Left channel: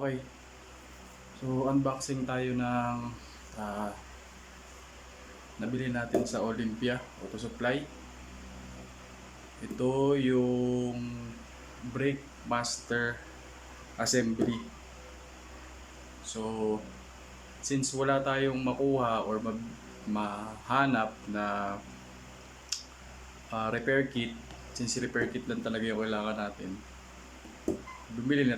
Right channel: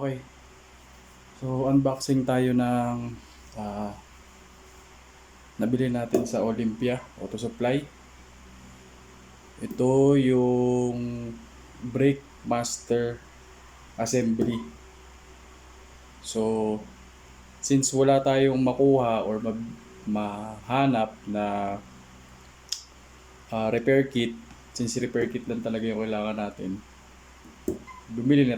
Okay. So, unboxing tayo ng ah, nabili natin sa Olympia Auto Supply. Ito yung Brake Master Assembly. So, since wala tayong makuha or mahanap na repair kit, since repair kit lang talaga yung kailangan natin, bumili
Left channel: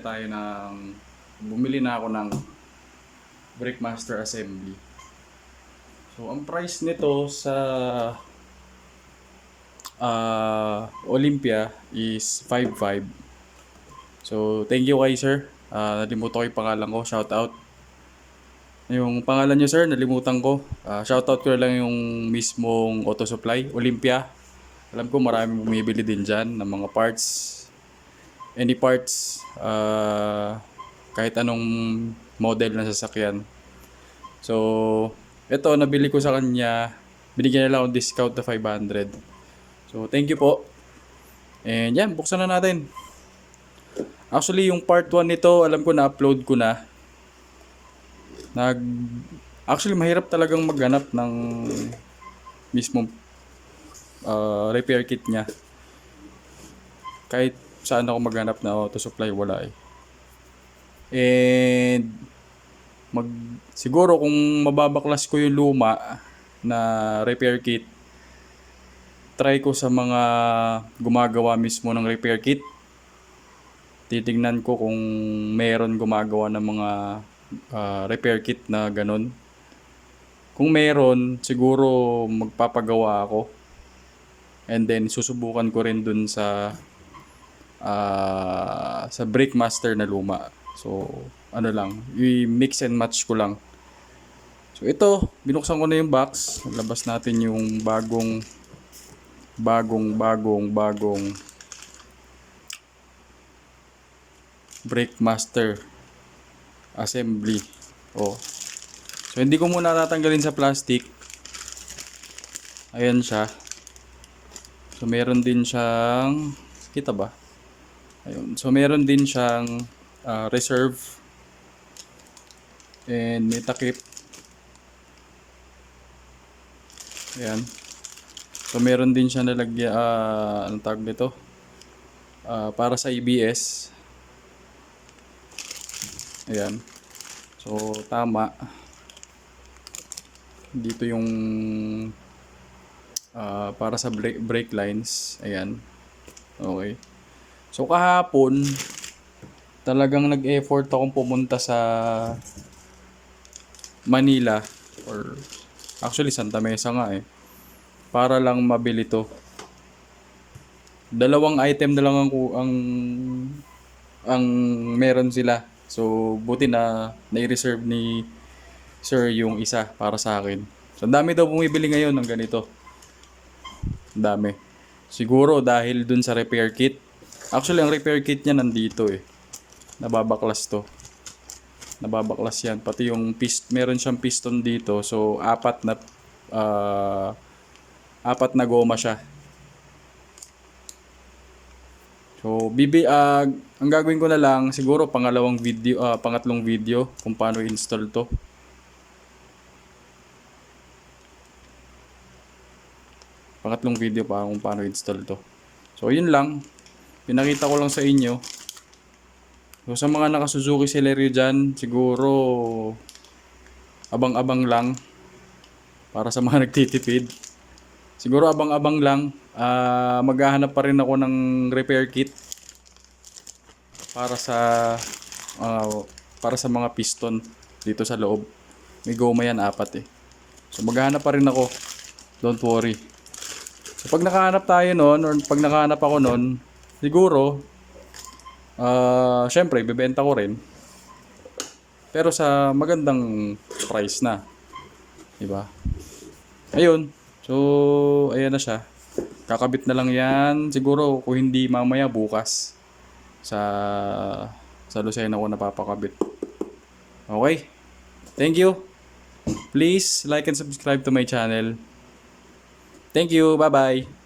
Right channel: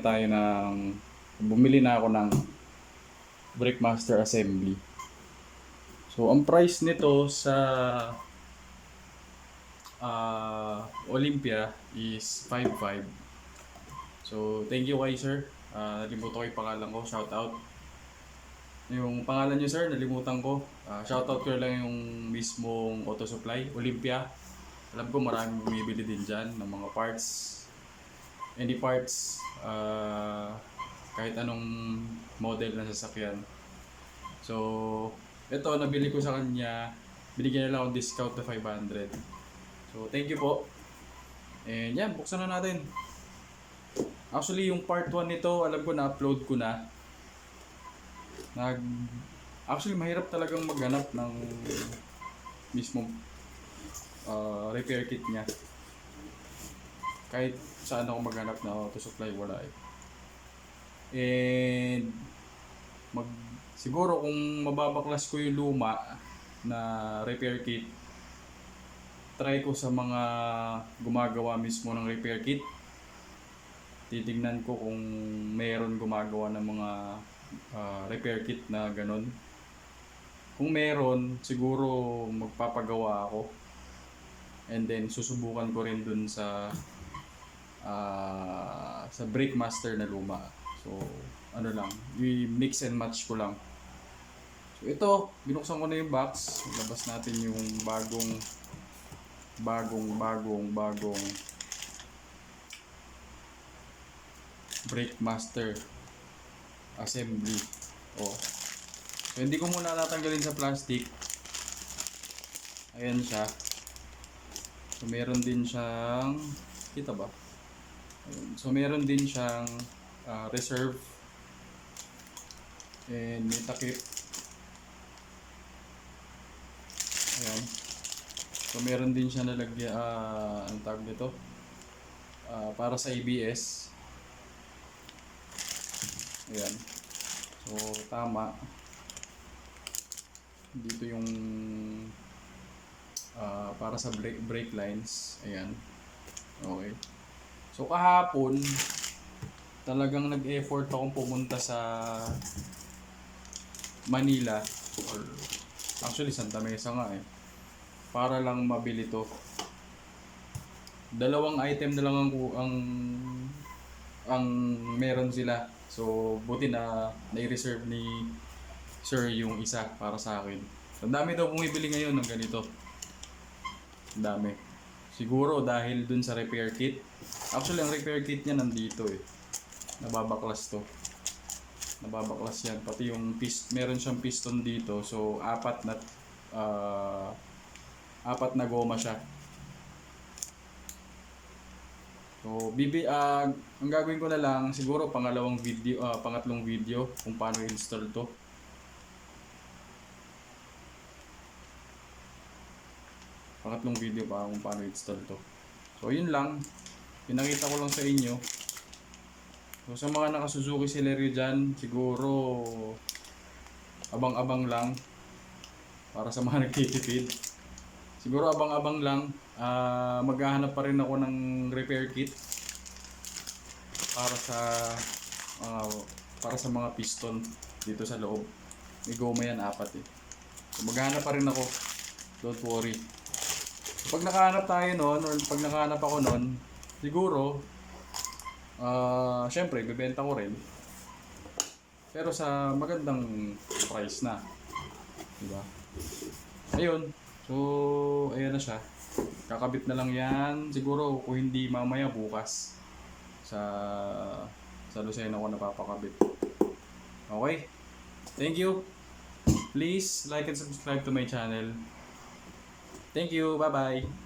na ako ng Brake Master Assembly. So, ang price nito sa Olympia is 5.5. So, thank you kay sir. Nalimutan ko yung pangalan ko. Shout out. Yung pangalan niyo sir, nalimutan ko. Shout out ko na lang yung mismong Auto Supply, Olympia. Alam ko maraming bumibili din dyan ng mga parts. Any parts, kahit anong model na sasakyan. So, ito nabili ko sa kanya. Binigyan nila akong discount na 500. So, thank you po. And yan, buksan na natin. Actually, yung part 1 nito, alam ko na-upload ko na. Actually, mahirap talagang maghanap ng mismong repair kit niya. Kahit saan ako maghanap na auto supply, wala eh. And siguro kung mababaklas ko yung luma na repair kit, try ko sa mga gumagawa mismo ng repair kit. Titingnan ko kung meron gumagawa ng mga repair kit na ganun. Kung meron, siguro magpapagawa ako. And then susubukan ko rin dun sa Brake Master na luma. So, ano lang, i-mix and match ko lang. So, ito, binuksan ko na yung box. Labas natin yung bagong Brake Master Assembly. Oh. So, hindi ko muna tatanggalin sa plastic. Ayan siya. So, meron din siyang, kita ba? Ayun. So, meron din siyang reserve. And may takip. Ayan. So, meron din siya nalagyan, anong tawag nito? Para sa ABS. Ayan. So, tama. Dito yung para sa brake lines. Ayan. Okay. So, kahapon, talagang nag-effort akong pumunta sa Manila. Or, actually, Santa Mesa nga eh. Para lang mabili to. Dalawang item na lang ang meron sila. So, buti na nai-reserve ni sir yung isa para sa akin. So, ang dami daw bumibili ngayon ng ganito. Ang dami. Siguro dahil dun sa repair kit. Actually, ang repair kit niya nandito eh. Nababaklas to. Nababaklas yan. Pati yung meron siyang piston dito. So, apat na goma siya. So, ang gagawin ko na lang siguro pangatlong video kung paano i-install to. Pangatlong video pa kung paano i-install to. So, yun lang. Pinakita ko lang sa inyo. So, sa mga naka-Suzuki Celerio dyan, siguro abang-abang lang para sa mga nagtitipid. Siguro abang-abang lang. Maghahanap pa rin ako ng repair kit para sa mga piston dito sa loob. May goma yan 4 eh. So maghahanap pa rin ako. Don't worry. So pag nakahanap tayo noon or pag nakahanap ako noon, siguro syempre ibebenta ko rin. Pero sa magandang price na. Diba? Ayun. So, ayan na siya. Kakabit na lang yan. Siguro, kung hindi mamaya bukas. Sa Lucena ko napapakabit. Okay. Thank you. Please like and subscribe to my channel. Thank you. Bye-bye.